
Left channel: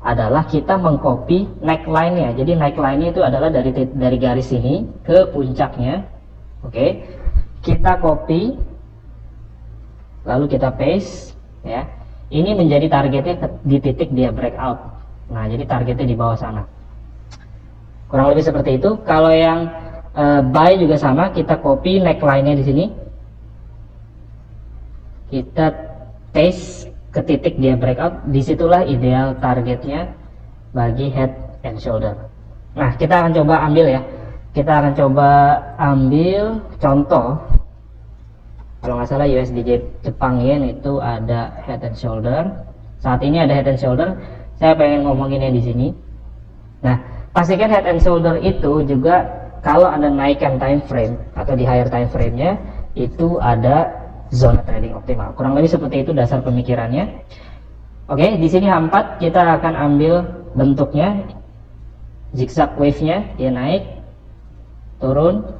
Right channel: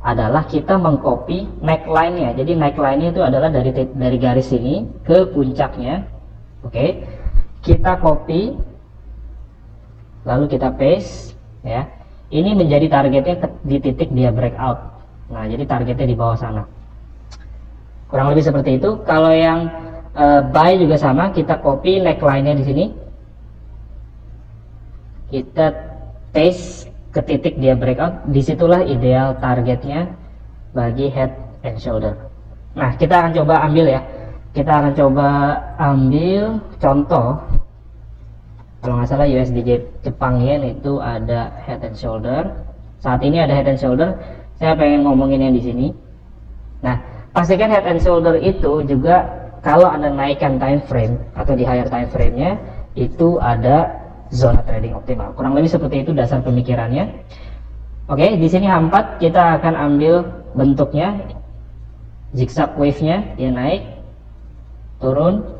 adalah kita mengcopy neckline-nya. Jadi neckline-nya itu adalah dari garis ini ke puncaknya. Oke. Kita copy lalu kita paste ya. Ini menjadi targetnya di titik dia breakout. Nah, jadi targetnya di bawah sana. Kurang lebih seperti itu. Kalau yang buy juga sama, kita copy neckline-nya di sini. Kita paste ke titik dia breakout. Disitulah ideal targetnya bagi head and shoulder. Nah, kita akan coba ambil ya. Kita akan coba ambil contoh. Kalau nggak salah USD Jepang Yen itu ada head and shoulder. Saat ini ada head and shoulder. Saya pengen ngomonginnya di sini. Nah, pastikan head and shoulder itu juga kalau Anda naikkan time frame atau di higher time frame-nya itu ada zona trading optimal. Kurang lebih seperti itu dasar pemikirannya. Oke, di sini A4 kita akan ambil bentuknya zigzag wave-nya, dia naik, turun,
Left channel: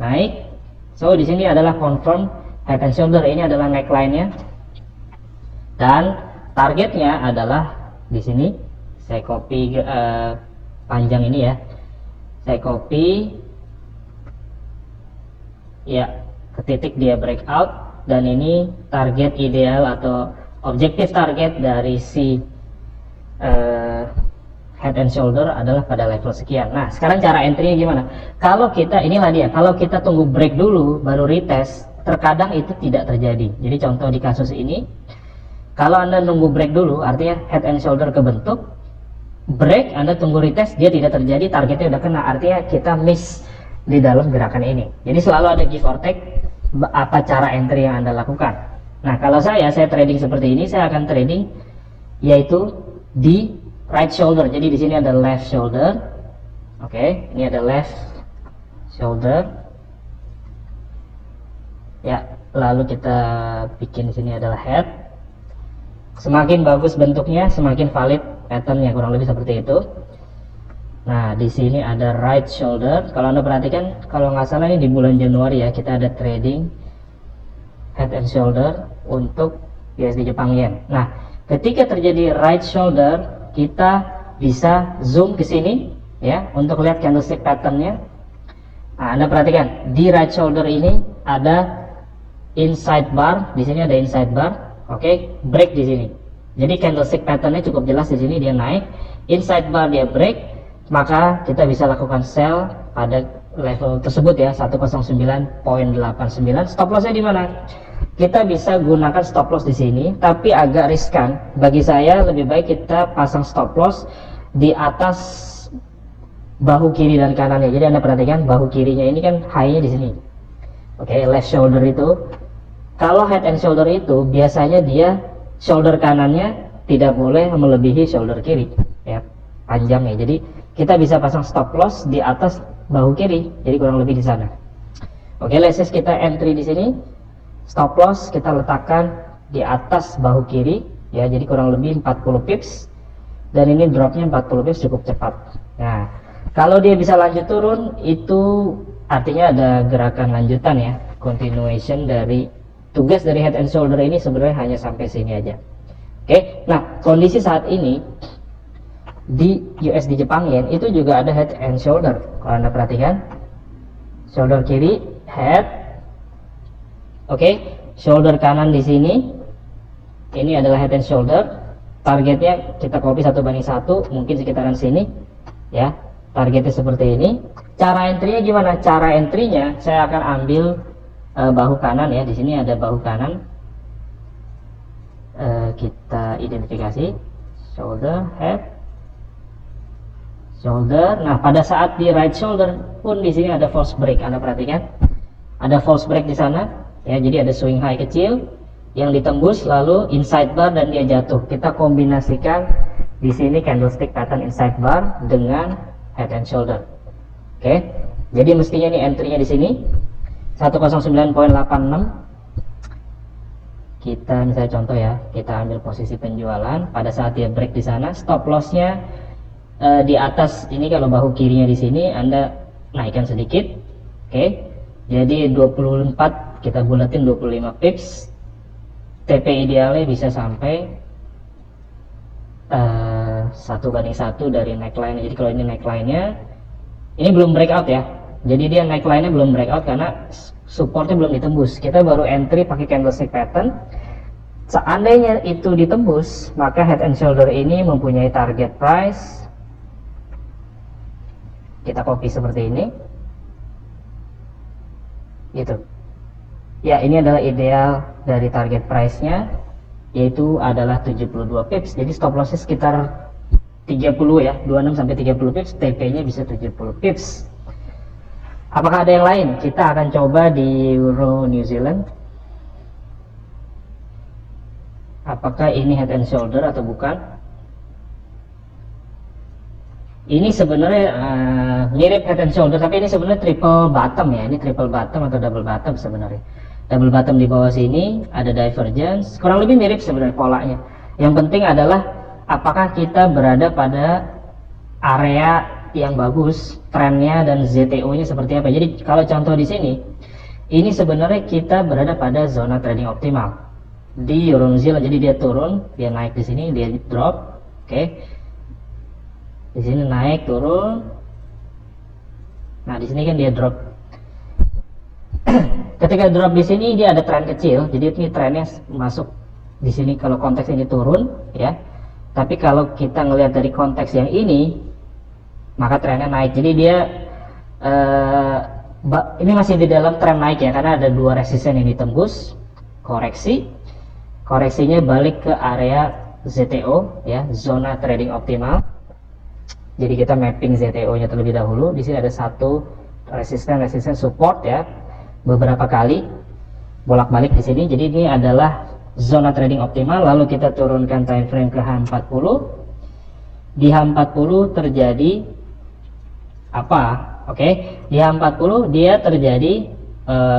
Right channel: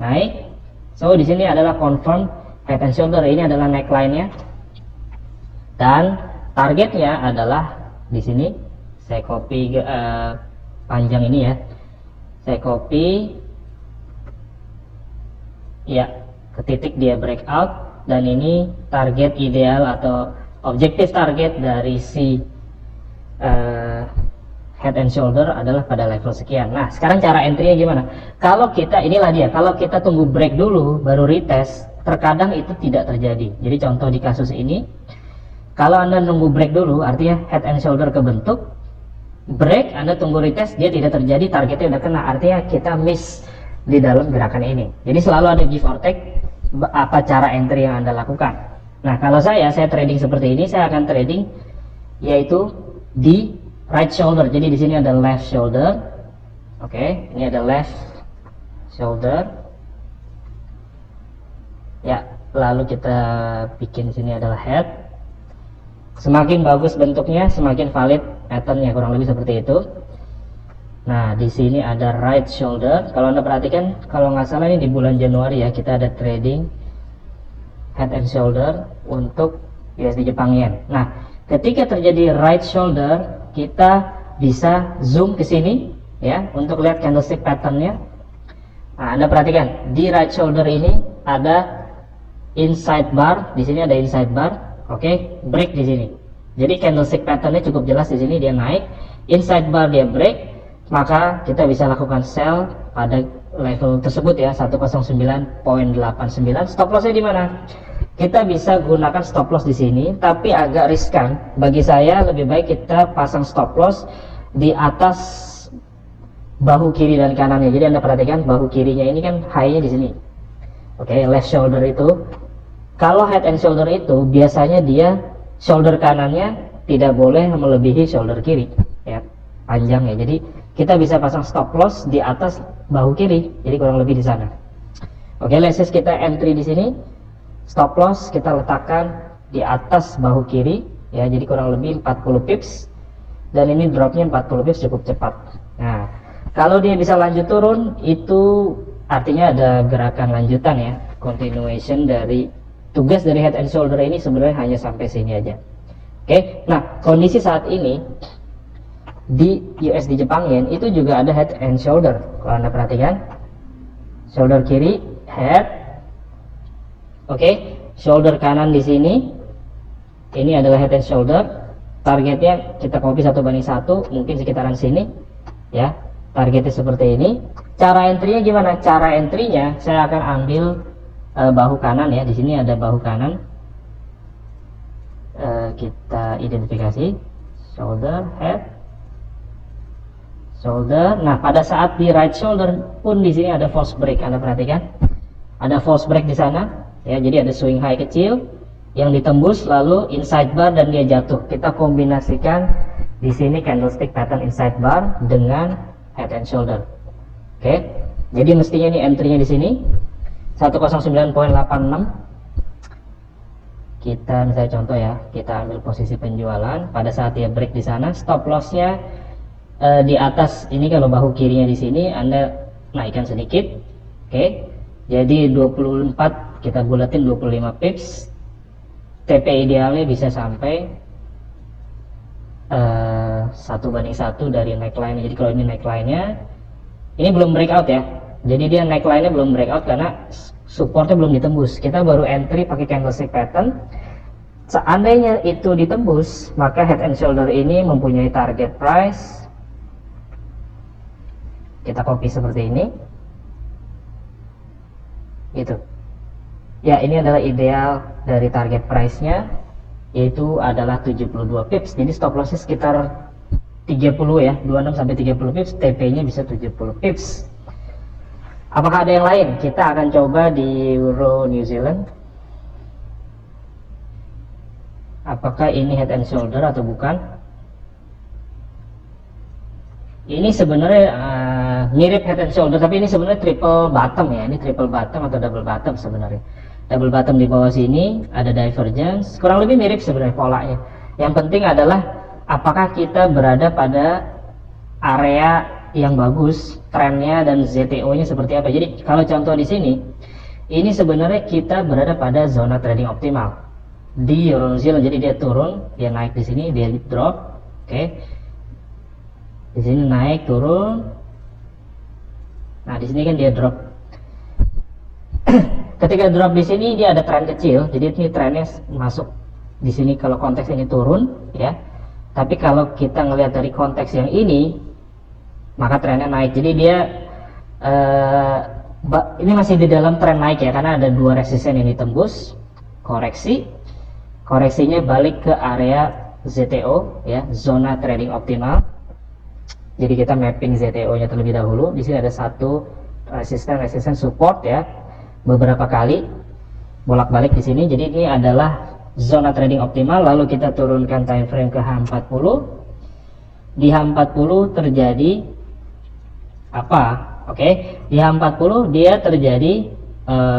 naik. So di sini adalah confirm head and shoulder, ini adalah neckline-nya. Dan targetnya adalah di sini. Saya copy panjang ini ya. Saya copy ya ke titik dia breakout, dan ini target ideal atau objektif target dari si head and shoulder adalah pada level sekian. Nah, sekarang cara entry-nya gimana? Kalau kita, inilah dia, kalau kita tunggu break dulu baru retest, terkadang itu tidak terjadi. Jadi contoh di kasus ini, kalau Anda nunggu break dulu, artinya head and shoulder kebentuk, break Anda tunggu retest, dia tidak terjadi, targetnya udah kena, artinya kita miss di dalam gerakan ini. Jadi selalu ada give or take apa cara entry yang Anda lakukan. Nah, kalau saya trading seperti ini, saya akan trading yaitu di right shoulder. Jadi di sini ada left shoulder. Oke, ini ada left shoulder. Ya, lalu kita bikin di sini adalah head. Semakin bagus bentuknya, semakin valid patternnya, kurang lebih seperti itu. Nah, di sini ada right shoulder. Kalau Anda perhatikan, kalau nggak salah ini di bulan Januari ya, kita ada trading head and shoulder untuk USD Jepang Yen. Nah, ketika terjadi right shoulder, kita bisa zoom ke sini ya untuk lihat candlestick patternnya. Nah, Anda perhatikan di right shoulder ini ada inside bar, di sini ada inside bar. Oke, break di sini. Jadi candlestick patternnya cukup jelas di sini, dia naik, inside bar dia break, maka kita bisa lakukan sell pada level tersebut ya, 109.89. Stop lossnya di mana? Kita bisa gunakan stop loss di sini, tapi agak riskan. Bagi saya lebih baik kita pasang stop loss di atas bahu kiri dan kanannya. Jadi Anda perhatikan bahu kirinya ini kan high-nya di sini. Oke, left shoulder itu. Kalau head and shoulder itu biasanya dia shoulder kanannya tidak boleh melebihi shoulder kiri ya, panjangnya. Jadi kita bisa pasang stop loss di atas bahu kiri, jadi kurang lebih di sana. Oke, let's say kita entry di sini, stop loss kita letakkan di atas bahu kiri ya, jadi kurang lebih 40 pips, dan ini dropnya 40 pips cukup cepat. Nah, kalau dia bisa lanjut turun, itu artinya ada gerakan lanjutan ya, continuation dari tugas dari head and shoulder ini sebenarnya hanya sampai sini aja. Oke, nah kondisi saat ini di USD Jepang Yen itu juga ada head and shoulder. Kalau Anda perhatikan, shoulder kiri head, oke, shoulder kanan di sini, ini adalah head and shoulder. Targetnya kita copy 1:1, mungkin sekitaran sini ya, targetnya seperti ini. Cara entry-nya gimana? Cara entry-nya saya akan ambil bahu kanan ya, di sini ada bahu kanan, kita identifikasi shoulder, head, shoulder. Nah, pada saat di right shoulder pun di sini ada false break. Anda perhatikan, ada false break di sana ya, jadi ada swing high kecil yang ditembus lalu inside bar dan dia jatuh. Kita kombinasikan di sini candlestick pattern inside bar dengan head and shoulder. Oke, jadi mestinya ini entry-nya di sini 109.86. Kita misalnya contoh ya, kita ambil posisi penjualan pada saat dia break di sana, stop loss-nya di atas ini. Kalau bahu kirinya di sini Anda naikkan sedikit. Oke, jadi 24 kita bulatin 25 pips. TP idealnya bisa sampai 1:1 dari neckline. Jadi kalau ini neckline-nya ini belum breakout ya, jadi dia neckline-nya belum breakout karena supportnya belum ditembus. Kita baru entry pakai candlestick pattern. Seandainya itu ditembus, maka head and shoulder ini mempunyai target price. Kita copy seperti ini gitu ya, ini adalah ideal dari target price nya, yaitu adalah 72 pips. Jadi stop lossnya sekitar 30 ya, 26 sampai 30 pips, TP nya bisa 70 pips. Apakah ada yang lain? Kita akan coba di Euro New Zealand. Apakah ini head and shoulder atau bukan? Ini sebenarnya mirip head and shoulder, tapi ini sebenarnya triple bottom ya. Ini triple bottom atau double bottom sebenarnya. Double bottom di bawah sini ada divergence, kurang lebih mirip sebenarnya polanya. Yang penting adalah apakah kita berada pada area yang bagus, trennya dan ZTO-nya seperti apa. Jadi kalau contoh di sini, ini sebenarnya kita berada pada zona trading optimal di Euro New Zealand. Jadi dia turun, dia naik di sini, dia drop, oke. Di sini naik, turun. Nah, di sini kan dia drop. Ketika drop di sini dia ada tren kecil, jadi ini trennya masuk di sini kalau konteks ini turun ya. Tapi kalau kita ngelihat dari konteks yang ini, maka trennya naik. Jadi dia ini masih di dalam tren naik ya, karena ada dua resisten yang ditembus, koreksinya balik ke area ZTO ya, zona trading optimal. Jadi kita mapping ZTO nya terlebih dahulu. Di sini ada satu resisten support ya, beberapa kali bolak-balik di sini. Jadi ini adalah zona trading optimal. Lalu kita turunkan time frame ke H40. Di H40 terjadi apa? Oke, di H40 dia terjadi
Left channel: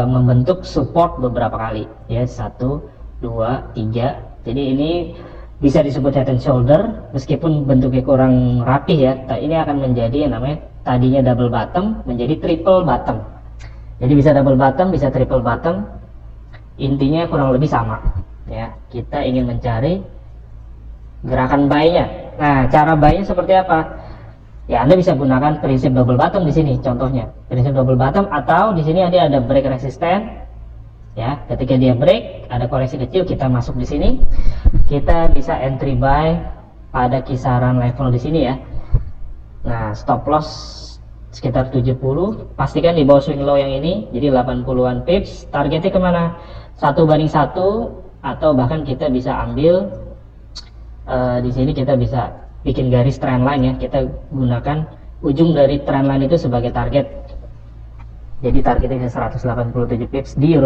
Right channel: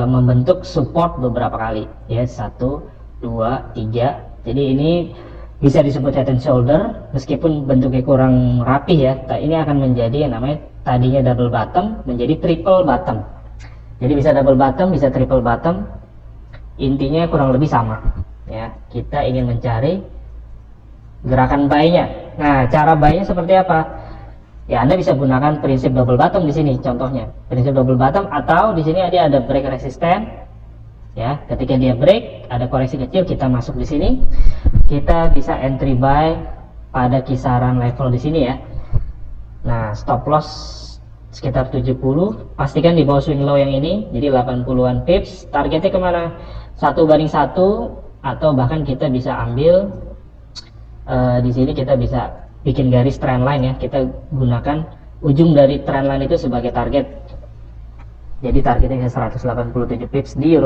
membentuk support beberapa kali ya, 1, 2, 3. Jadi ini bisa disebut head and shoulder meskipun bentuknya kurang rapih ya. Ini akan menjadi yang namanya tadinya double bottom menjadi triple bottom. Jadi bisa double bottom, bisa triple bottom. Intinya kurang lebih sama ya. Kita ingin mencari gerakan buy-nya. Nah, cara buy-nya seperti apa? Ya, Anda bisa gunakan prinsip double bottom di sini contohnya. Prinsip double bottom, atau di sini ada break resisten. Ya, ketika dia break, ada koreksi kecil, kita masuk di sini. Kita bisa entry buy pada kisaran level di sini ya. Nah, stop loss sekitar 70. Pastikan di bawah swing low yang ini, jadi 80-an pips. Targetnya kemana? 1:1, atau bahkan kita bisa ambil di sini kita bisa bikin garis trendline ya. Kita gunakan ujung dari trendline itu sebagai target. Jadi targetnya 187 pips di Euro